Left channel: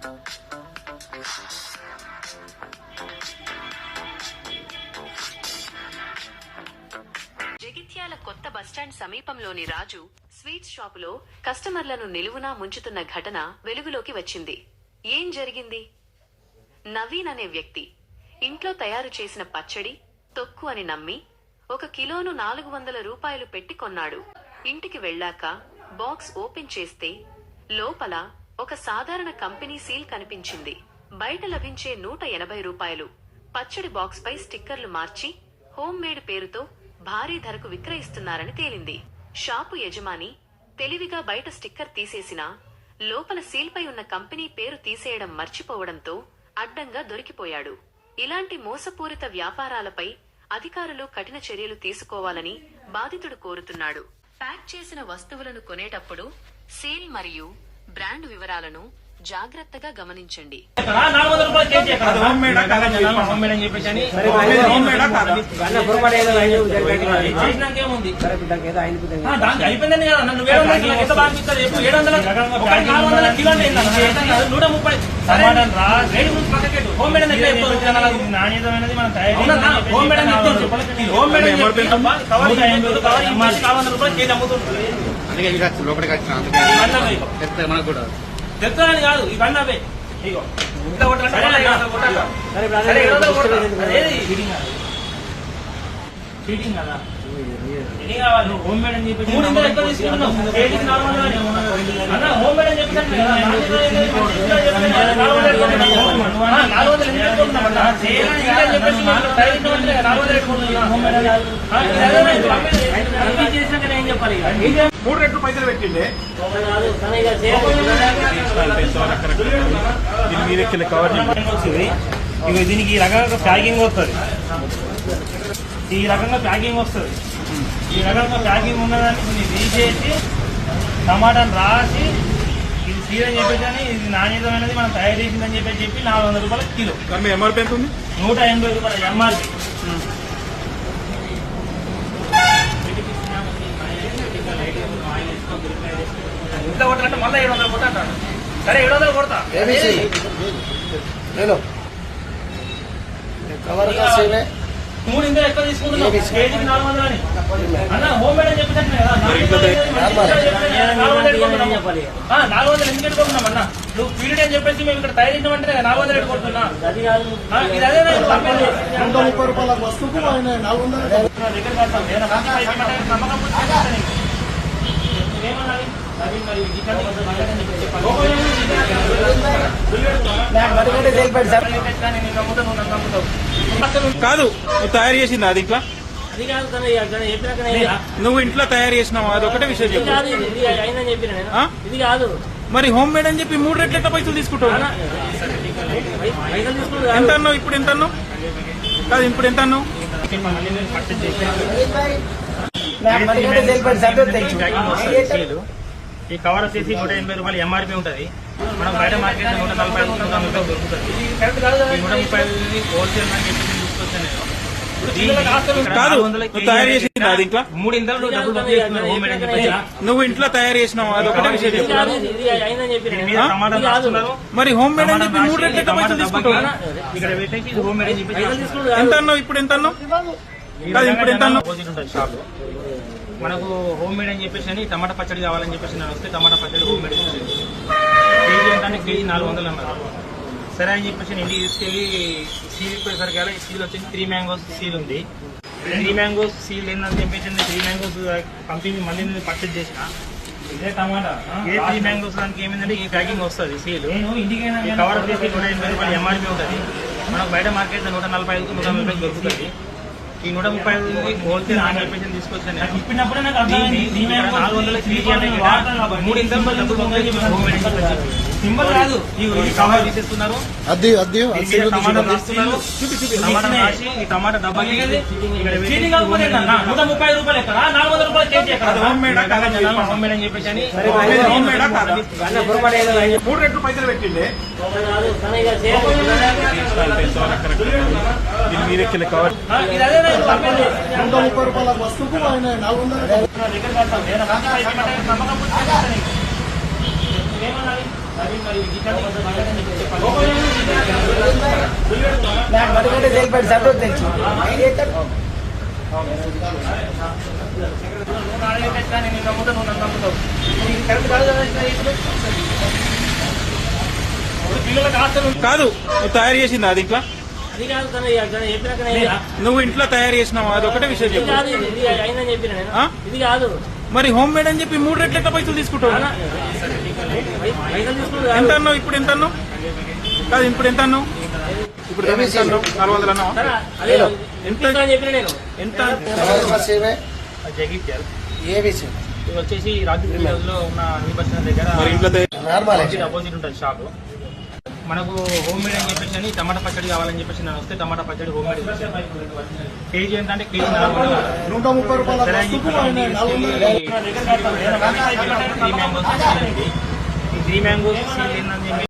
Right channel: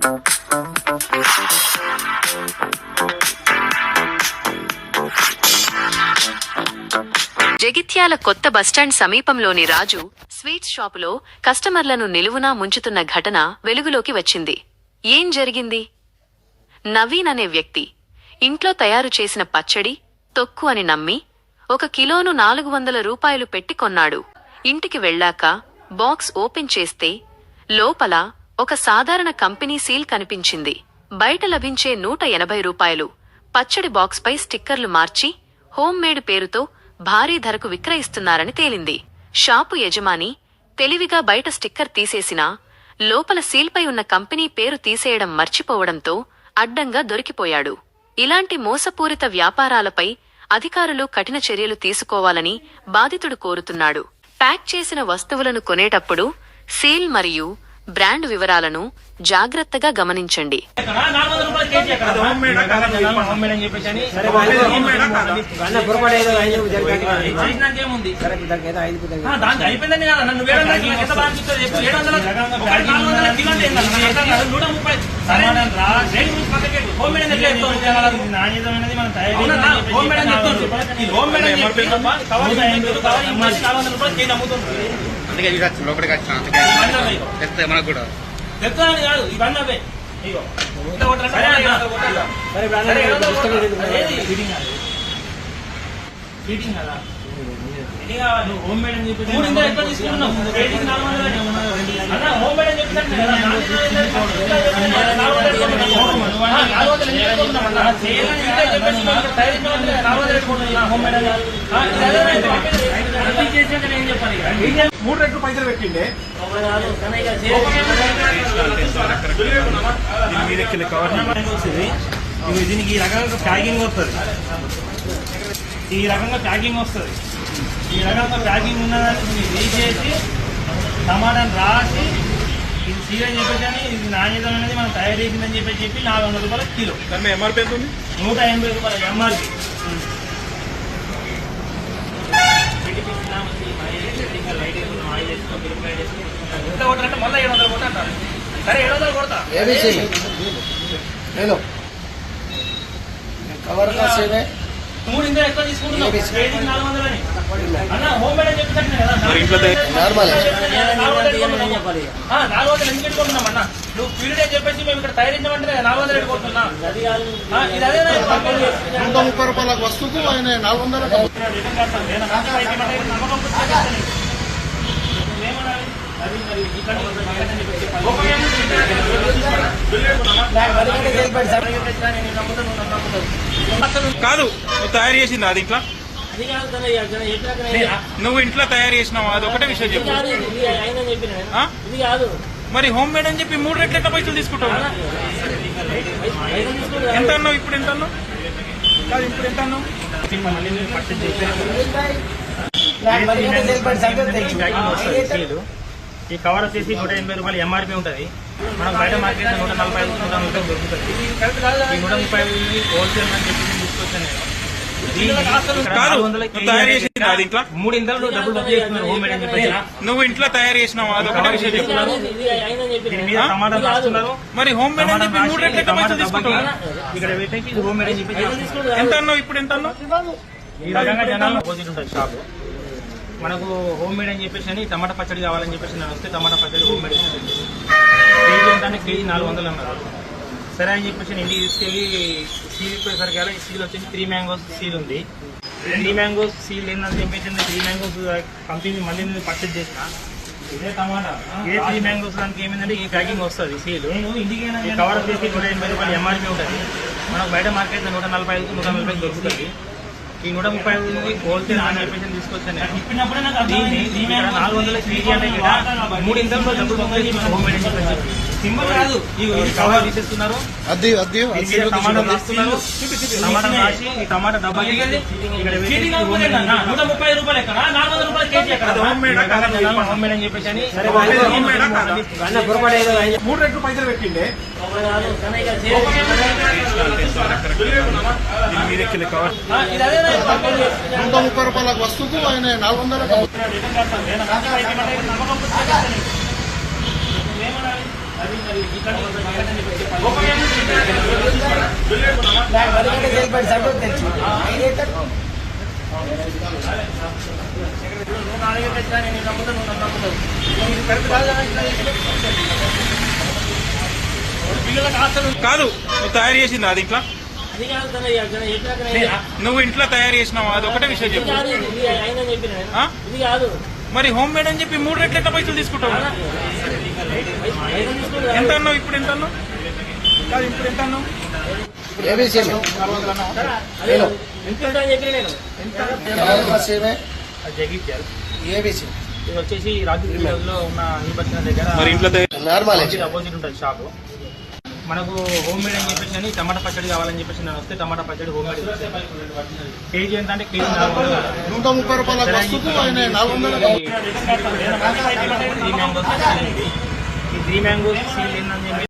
జగిత్యాల కొత్త బస్టాండ్ సమీపంలోని రాజు స్వీట్స్ షాపులో కస్టమర్లను నిలువునా ముంచుతున్న ఘటన వెలుగులోకి వచ్చింది. ఏం జరిగింది? నవీన్ అనే వ్యక్తి ఇంట్లో తయారు చేసిన పచ్చడి తొక్కు అని నమ్మి ఒక కిలోను నాలుగు వందల రూపాయలు పెట్టి కొన్నాడు. ఇంటికి వెళ్ళాక బాక్స్ ఓపెన్ చేస్తే లోపల ఒక సాధారణ కంపెనీ సీల్ కనిపించింది. బయట లభించే నూట ఎనభై రూపాయలు. పచ్చడి బాక్స్పై స్టిక్కర్లు మార్చి హోమ్ పేరుతో భారీ ధరకు విక్రయిస్తున్నారని తేలింది. షాపు యజమాని తెలివిగా బయట స్టిక్కర్ తీసేసినా లోపల సీల్పై ఉన్న కంపెనీ పేరు తీసేయడం మర్చిపోవడంతో అడ్డంగా దొరికిపోయాడు. ఇలాంటి మోసపూరిత వ్యాపారాలపై అధికారులు కఠిన చర్యలు తీసుకోవాలని బాధితుడు కోరుతున్నాడు. ప్యాక్ చేసిన వస్తువులను కొనేటప్పుడు సీల్ మరియు బ్రాండ్ వివరాలను జాగ్రత్తగా గమనించండి? నాణ్యతమైనది మనం? తయారు అందుకే ఇది లోపలికి వచ్చిన అందుకే. చెప్తే మనకు కూడా. అని కాదు అవే. ఇగో. నువ్వు హోమ్ మేడ్ అని చెప్పి తీసుకుంటున్నావు. అన్న, హోమ్ మేడ్ అని చెప్పినట్టు కదా. నాలుగు వందలు మేడ్ రెట్లు పైసలు పెట్టిండే కవర్ దీనికి ఈ రకంగా ప్యాకింగ్ వస్తుంది ఈ రకంగా ప్యాకింగ్ వస్తుంది ఈ రకంగా ప్యాకింగ్ ఉన్నదాన్ని దీన్ని తీసేసి టమాటాను రాసి ఇది సీర చెప్పేసి అని ఇది నాణ్యతమైనది మనం తయారు చేసిందని చెప్పి చెప్పి నాలుగు వందల రూపాయల కిలో ఎంఆర్పీ ఎంత ఉంది నూట ఎనభై రూపాయల ఎంఆర్పి ఇంట్లో ఒకటి అంటే మళ్ళీ ఏడు వందలు కొడతా అంటాడు. సరే ఏడు వందలు కొడతా. నేను. కవర్ కాసేనే నూరు ఇంకా ఎక్కువ తీసుకుంటున్నాం కేజీకి నాలుగు వందలు ఎందుకు పెట్టుకుంటున్నాం అన్న? నువ్వు పీరియడ్ అని చెప్పేసి మేము ఇక్కడ తయారించమంటే నాలుగు వందలు పెట్టుకుంటున్నా ముప్పై రూపాయల వస్తువుకు ఆయన నాలుగు వందలు నమ్మకం కాదు తయారు చేసింది అది ఇంట్లో నువ్వు ఇంట్లో తయారు చేసినావు? అది ఒకటే విషయం ఇది చెప్పు కాదు. మరి హోమ్ మేడ్ అని చెప్పి మూడు రెట్ల ఎంత పైసలు తీసుకుంటావు? ఎంత. అన్నావు ఇప్పుడు ఎంత అన్నావు? కాదు ఇప్పుడు ఎంత అన్నావు? మళ్ళీ చేసి ఈ కవర్ వచ్చేసి నూట ఎనభై రూపాయలు ఎంఆర్పీ ఉంటుంది. మనకు బయట మార్కెట్ నూట నలభై ఐదు నూట నలభై దొరుకుతుంది. ఈ నూట ముప్పై ఐదు హోల్సేల్ అని చెప్పేసి తీసుకొచ్చాను నేను. మూడు ఇంతలు డబ్బులు బుక్ చేస్తున్నారు హోమ్ మేడ్ అని చెప్పేసి నువ్వు ఇంట్లో తయారు చేసినావు? టమాటా. రాస్తున్నారు. మరి హోమ్ మేడ్ అని టమాటా రాసి డబ్బాకి ఇక్కడ పెట్టేసి హోమ్ మేడ్ అని చెప్పేసి ఎంత ఇప్పుడు ఎంత ఈ రకంగా జనాలు ఆపోజిట్ ఉంటుంది. షాప్ మనకు హోమ్ మేడ్ అని చెప్పేసి అని టమాటా పచ్చడి కావాలని చెప్పేసి నేను వస్తే టమాటా పచ్చడి హోమ్ మేడ్ ఇచ్చేది. కేజీ ఏంటంటే కేజీ నాలుగు వందలు అన్నారు. సరే అని చెప్పేసి నేను ఇంటికి తీసుకెళ్ళి సీల్ ఇప్పేసరికి ఈ సీల్ వచ్చేసి త్రీ మ్యాంగోస్ సీల్ ఉంది. త్రీ మ్యాంగోస్ సీల్ ఏంటని చెప్పేసి త్రీ మ్యాంగోస్ కంపెనీ మళ్ళీ నేను పర్చేజ్ చేసిన. ఇదే టమాటా. ఏ త్రీ మ్యాంగోస్ దానికి ఏమైందంటే ఈ ప్యాకింగ్ వస్తుంది సీల్ ఈ కవర్ వచ్చేసి నూట ఎనభై రూపాయలు ఎంఆర్పీ ఉంటుంది. మనకు బయట మార్కెట్ నూట నలభై ఐదు నూట నలభై దొరుకుతుంది. ఈ నూట ముప్పై ఐదు హోల్సేల్ అని చెప్పేసి తీసుకొచ్చాను నేను దీన్ని. ఇక్కడ నాలుగు వందల కేజీ అంటే ఇక్కడ మూడు ఇంతలో డబ్బులు పంపేసి మన హోమ్ మేడ్ అని చెప్పేసి సింబల్ కాదు. ఈ ఈ కవర్ తీసేస్తున్నారు. అద్ది అద్ది టమాటా రాస్తున్నారు. టమాటా రాసి ఈ టమాటా డబ్బాకి నూట ముప్పై రూపాయలు ఎక్కడ నాలుగు వందల రూపాయలు కేజీ ఎక్కడ? ఈ రకంగా జనాలు హోమ్ మేడ్ అని చెప్పేసి అని మూడు రెట్లు పైసలు పెట్టిండే. మీరెక్కిన కవర్ ఆ, ఇది అదే కంపెనీ నూట ముప్పై రూపాయల వస్తువుకు ఆయన నాలుగు వందల. రిటర్న్ నేను నమ్మకం కాదు నువ్వు తయారు చేసింది అది ఇంట్లో నువ్వు ఇంట్లో తయారు చేసినావు? అది ఒకటే విషయం చెప్పు? ఇది కాదు మరి హోమ్ మేడ్ అని చెప్పి మూడు రెట్లు ఎంత పైసలు తీసుకుంటావు? కాదు. ఇప్పుడు కాదు ఇప్పుడు నాలుగు వందలు అన్నావు అని చెప్పిన నేను. ఎంత జగిత్యాల. ఇది వచ్చేసి లో ఉన్న బస్ దగ్గర ఉంటుంది షాప్. మనకు హోమ్ మేడ్ అని చెప్పేసి అని టమాటా పచ్చడి కావాలని చెప్పేసి నేను వస్తే టమాటా పచ్చడి హోమ్ మేడ్ కేజీ ఎంత అంటే కేజీ నూట ముప్పై రూపాయల ఈ త్రీ మ్యాంగోస్ సీల్ అని చెప్పి